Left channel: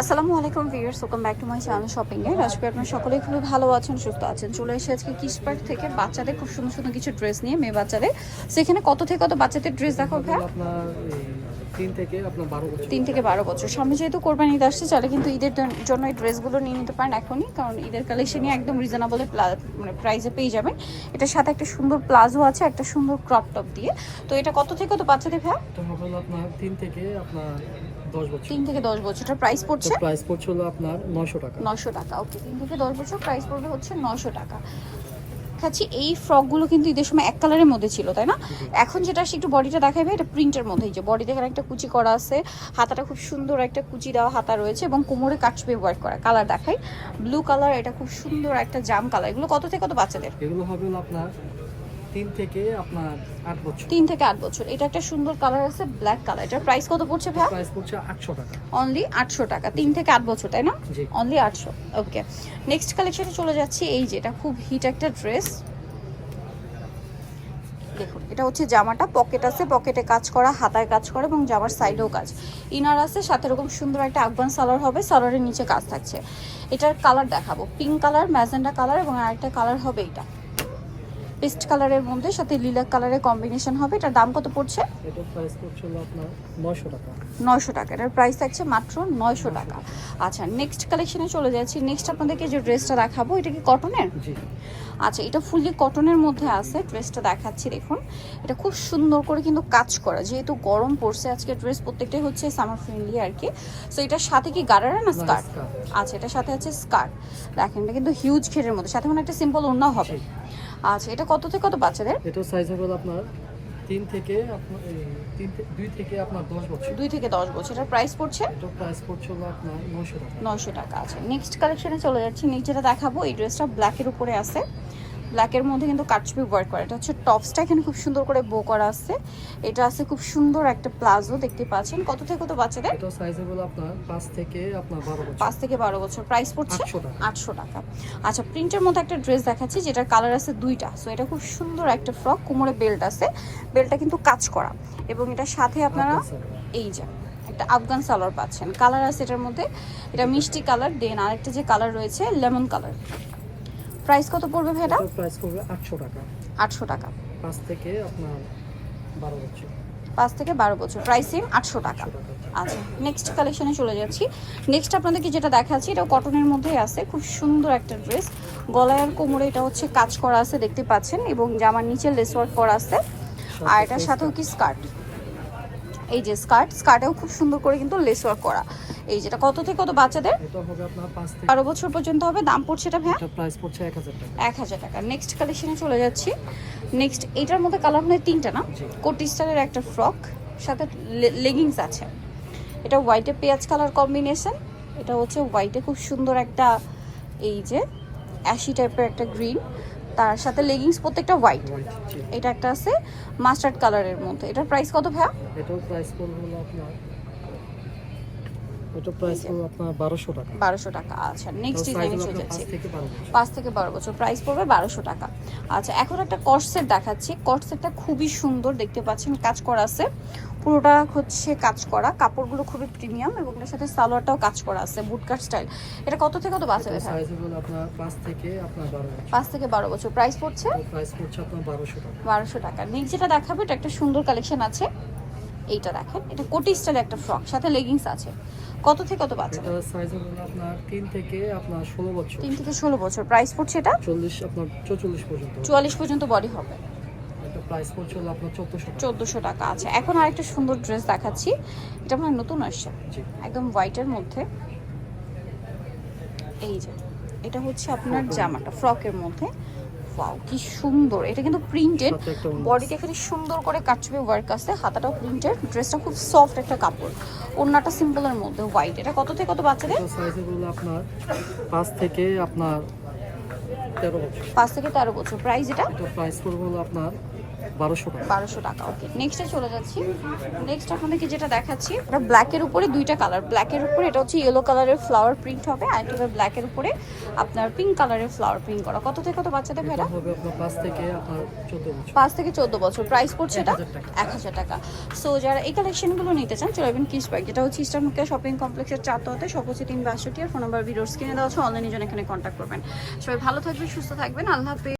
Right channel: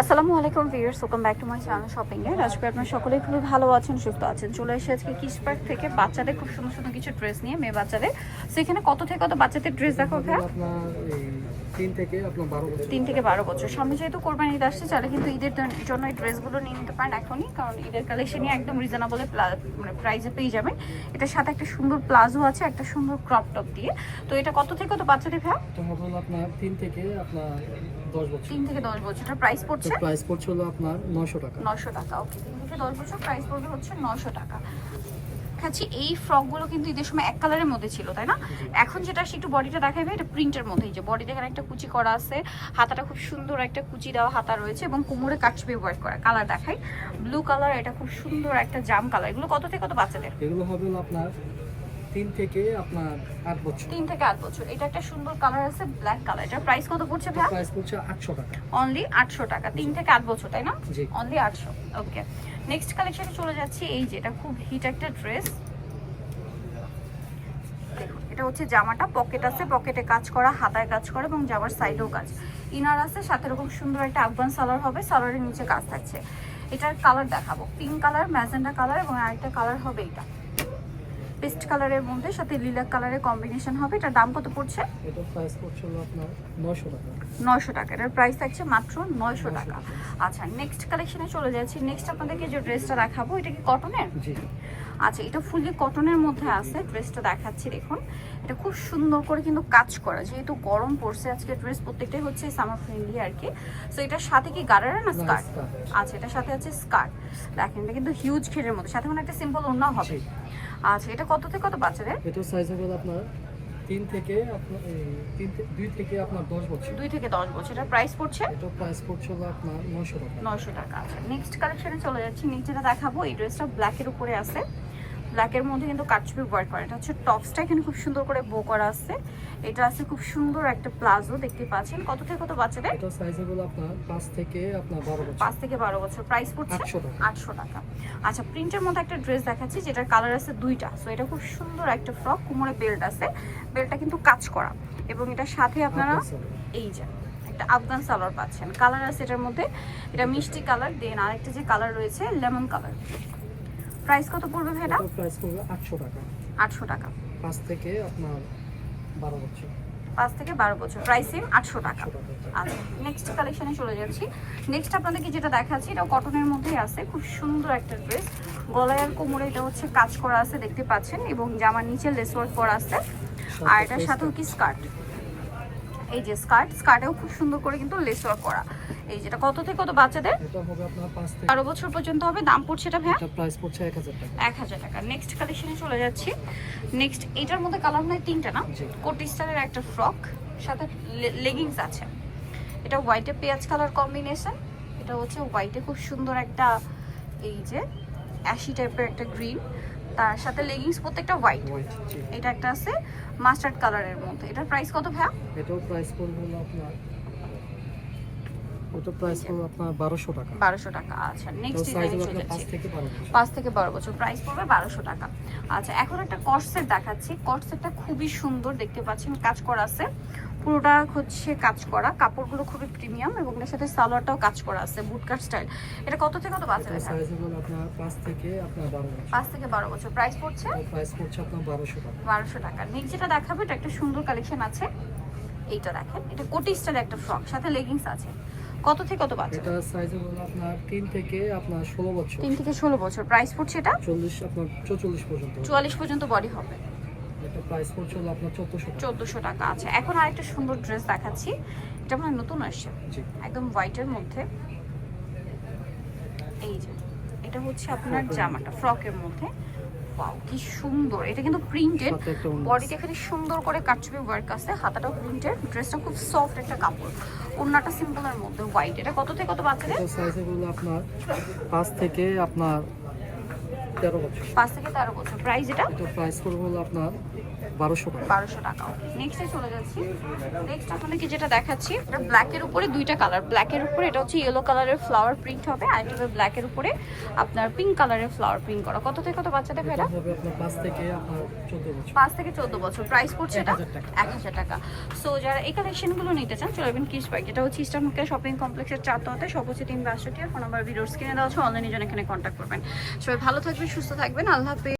আসসালামু আলাইকুম viewers, welcome back to my channel shopping এ। আজকে আপনারা সকলেই খুবই ভালো আছেন, সুস্থ আছেন। চলে এসে আজকে কিস পার্ক থেকে বাচ্চাদের খুব সুন্দর সুন্দর কিছু ড্রেস নিয়ে, মেয়ে বাচ্চাদের। সেখানে কত থেকে কত বাচ্চাদের ড্রেস দেখো ভাই? আপনার এই 3 থেকে আপনার 12 বছর। 3 থেকে 12 বছর। সামনে যেহেতু কোরবানি ঈদ আসছে, চাইলে কিন্তু ঈদের জন্য এই ড্রেসগুলো নিয়ে নিতে পারেন এখনই, কারণ ঈদের কালেকশনই একদম রিজনেবল মানে প্রাইসে পেয়ে যাবেন। এটার সাথে একটা সুন্দর প্লাজো আছে, একটা সুন্দর ক্রপ টপ দিয়ে। তো এটা কত থেকে কত বাচ্চাদের ভাই? তো হবে আপনার 3 থেকে আপনার 10 বছর। 3 থেকে 10 বছর। এটার প্রাইস পড়ছে প্রাইস পড়ছে হলো আপনার 900 টাকা। 900 টাকা। ওকে, 3 থেকে 10 বছর প্রাইস পড়বে হচ্ছে 900 টাকা। খাচ্ছি এই ফ্রকগুলো কিন্তু ঈদের সময় এক কালারের মধ্যে ছিল, তাই না? এখন যেটা আসছে একটু বডিটা দেখাবে, এটা প্রিন্টের মধ্যেই, যে বডিতে এখানে একটা কুচি করা আছে, হাতাটা খুব সুন্দর একটা কুচি দেওয়া হাতা রয়েছে এবং কোমরে কাটছবি ওয়ার্ক করা। কালার দেখাই, ব্লু কালার, এটা খুব সুন্দর একটা জাম কালার। এগুলো কত থেকে কত বাচ্চাদের? এগুলো হবে হলো আপনার 3 থেকে আপনার 8 বছর। 3 থেকে 8 বছর। এটা একটা সুন্দর কালার আছে, ব্ল্যাক কালার। এটার প্রাইস কত পড়ছে ভাই? প্রাইস পড়ছে 800 টাকা। অনলি 800 টাকা। 3 থেকে 8 বছর, তাই না? জি। অনলি 800। ওকে, নেক্সট কালেকশনে চলে যাচ্ছি। এই যে এটা খুব হিট একটা ড্রেস, দেখুন। এটা হচ্ছে জামাটা, পকেট আছে, পকেটে কাজ করা, হাতায় কাজ করা এবং জামার সাইডেও কাজ। ইনার আছে, সাথে এরকম সুন্দর একটা আফগান সালোয়ার হবে, সালোয়ারের নিচে কাজ থাকছে। এটার কালার দেখাবো, পিঙ্ক কালার, ম্যাজেন্ডা কালার এবং আরেকটা কালার হবে এটা পেস্ট কালারের মধ্যে, সাথে লিলাক কালারের কম্বিনেশন হবে। এটার দাম কত পড়ছে? এটার প্রাইস পড়ছে হলো আপনার 900 টাকা। 900 টাকা। এটার প্রাইস থাকছে মাত্র 900 টাকা। আচ্ছা, নেক্সট কালেকশনে চলে যাচ্ছি। নেক্সট আপনাদেরকে যে ড্রেসটা দেখাবো, এটা কি কটনের? জি। আচ্ছা, এটা ফুললি কটনের মধ্যে আছে। ড্রেসটা দেখাচ্ছি, দেখুন। এটা খুব সুন্দর করে কিন্তু কাজ করা, যেহেতু গরম পড়ছে আজকে, ড্রেস প্রত্যেকটাই হচ্ছে সামার ফ্রেন্ডলি আর কি। সো এটার সাথে কি গারারা না স্কার্ট? আচ্ছা, এটার সাথে আছে স্কার্ট। দেখেন, এটা কিন্তু হিউজ ঘেরের মধ্যে, সাথে কোনো একটা সিম্পল ওড়না হবে। আচ্ছা, এটা কত থেকে কত বাচ্চাদের? এটা সাইজ হবে আপনার 3 থেকে আপনার 2 থেকে আপনার 10 বছর। 2 থেকে 10 বছর। এটার প্রাইস পড়ছে? এটা প্রাইস পড়ছে হলো আপনার 900 টাকা। 900 টাকা। আচ্ছা, নেক্সট কালেকশনে চলে যাচ্ছি। নিচেটা দেখাবো, এই ড্রেসটা ব্ল্যাকের উপরে আছে, ব্ল্যাকের মধ্যে কিন্তু কাটছবি ওয়ার্ক করা। এটা হচ্ছে টপসটা, এখানে খুব সুন্দর করে বো করা আছে। এটা আছে খুব সুন্দর একটা প্লাজো, দেখতে পাচ্ছেন। কত থেকে কত বাচ্চাদের? এটা সাইজ হবে আপনার 5 থেকে আপনার 12 বছর। 5 থেকে 12 বছর। প্রাইস পড়ছে 800 টাকা। 800 টাকা। আচ্ছা, প্রিন্টের মধ্যে একটা ড্রেস দেখাচ্ছি, যেটার কালার আছে দুইটা। সো এটা খুব সুন্দর একটা ফ্রক, কোমরে বেল্ট আছে, বেল্টটা কিন্তু কাজ করা এবং এটার সাথে আপনারা এই যে একটা আফগান সালোয়ার পাচ্ছেন। কালার আছে এটার মধ্যে, এটা মিষ্টি কালার, দেন আরেকটা যে কালার রয়েছে লেমন কালার। প্রাইস কত পড়বে ভাই এটা? প্রাইস পড়বে 800 টাকা। 800 টাকা। 5 থেকে আপনার 12 বছর। 5 থেকে 12 বছর। প্রাইস সেম, 800 টাকা। 800 টাকা। আচ্ছা, নেক্সট কালেকশনে চলে যাচ্ছি। নেক্সট আপনাদেরকে যেটা দেখাচ্ছি, এটা কটনের মধ্যেই আছে, খুব সুন্দর একটা ড্রেস। গলায় আর কোমরে এটা হচ্ছে কাজ করা আছে, দেখতে পাচ্ছেন, এবং জামার নিচে লেস ওয়ার্ক করা আছে। আর এটার সাথেও কি স্কার্ট, এই যে স্কার্টেও খুব সুন্দর করে কিন্তু লেস ওয়ার্ক করা। এই যেটা কত থেকে কত বাচ্চাদের? এটা হবে আপনার 5 থেকে 12 বছর পর্যন্ত হবে। দাম পড়ছে এটা ভাই? এটা প্রাইস পড়ছে 1000 টাকা। 1000 টাকা। নেক্সট কালেকশনে চলে যাচ্ছি। নেক্সট এটার মধ্যে কালার হয় তিনটা না? জি। কোটি স্টাইলের একটা ফ্রক, সাথে লেগিংস আছে। এটা হোয়াইটে পেঁয়াজ কালার কম্বিনেশন। এটা হচ্ছে হোয়াইটে খুব সুন্দর একটা, এই যে অ্যাশি টাইপের একটা গ্রিন, তার সাথে লেগিংস প্রত্যেকটা হোয়াইট। জি। এটা একটা আছে মাস্টার্ড কালারের মধ্যে। এটার প্রাইস কত ভাইয়া? এটাও প্রাইস পড়বে হলো আপনার, এটা প্রাইস পড়বে আপনার 1200 টাকা। 1200 টাকা। আচ্ছা, নেক্সট ডিজাইনে চলে যাচ্ছি। 5 থেকে 12 বছর। 5 থেকে 12 বছর। প্রাইস পড়বে 1200 টাকা। আচ্ছা, এখন একটা কট সেট দেখাচ্ছি। কট সেটটা খুবই সুন্দর, দেখতে পাচ্ছেন, কাজ করা আছে, পুরোটা হচ্ছে কাজ করা। কাপড়গুলো খুবই প্রিমিয়াম এবং এর সাথে সালোয়ারটাও কাজ করা আছে, বুটকাট স্টাইল। এটা কত থেকে কত বাচ্চাদের? এটা সাইজ হলো আপনার 5 থেকে আপনার 12 বছর। 5 থেকে 12 বছর। প্রাইস পড়ছে প্রাইস পড়ছে আপনার 1200 টাকা। 1200 টাকা। নেক্সট যেটা দেখাবো, এটা একটা সুন্দর কালেকশন আছে। এইটা দেখেন, এটা কোটি স্টাইল একটা ফ্রক, সাথে লেগিংস আছে। কত থেকে কত বাচ্চা? এটা সাইজ হলো আপনার 3 থেকে আপনার 16 বছর। 3 থেকে 16 বছর। প্রাইস পড়ছে এটা 40 আপনার 44 পর্যন্ত। 44 পর্যন্ত বডি হবে। এটা প্রাইস পড়ছে হলো আপনার 1400 টাকা। 1400 টাকা। আচ্ছা, এখন আরেকটা সুন্দর ড্রেস দেখাচ্ছি। এটা মানে নতুন আসছে, জি। একদম হোয়াইটের মধ্যে। এই যে এটা হচ্ছে আপনার জামাটা, ফ্রকের মধ্যে। ওয়াও, কি সুন্দর! এটা কিন্তু প্রিন্টেড, সাথে একটা ওড়না বডিতে এখানে সুন্দর করে কাটছবি ওয়ার্ক আছে, হাতাটাও প্রিন্টেড। ড্রেসটা খুব সফট একটা কাপড়, ওড়নাটা সিম্পলের মধ্যে হোয়াইট। এটা কত থেকে কত বাচ্চাদের? এটা সাইজ হলো আপনার 5 থেকে আপনার 13 বছর। 5 থেকে 13 বছর। প্রাইস এটা? এটা প্রাইস পড়বে হলো আপনার 1200 টাকা। 1200 টাকা। ওকে, নেক্সটে চলে যাচ্ছি। নেক্সট আপনাদেরকে যেটা দেখাচ্ছি, এটা ব্ল্যাকের উপরে দুইটা কালার, ব্ল্যাকের উপরে এটা হচ্ছে ইয়েলো কালারের ফ্লাওয়ার প্রিন্ট হবে, আর এটা ব্ল্যাকের উপরে আপনার পিঙ্ক কালারের ফ্লাওয়ার প্রিন্ট করা। কত থেকে কত বাচ্চাদের এটা ভাইরা? হবে আপনার 5 থেকে আপনার 14 বছর। 5 থেকে 14 বছর। প্রাইস পড়ছে এটা 1000 টাকা। 1000 টাকা। সো যারা এই কালেকশনগুলো নিতে চান চলে যাবেন কিস পার্ক, যেটা হচ্ছে ইস্টার্ন মুখিয়া শপিং কমপ্লেক্সের 4 তলাতে, সব হচ্ছে 362 আর ফোন নাম্বার ভিডিওর স্ক্রিনে দেওয়া আছে, অনলাইনে জন্য এখানে কন্ট্যাক্ট করবেন। সবাই ভালো থাকবেন, সুস্থ থাকবেন, আল্লাহ হাফেজ।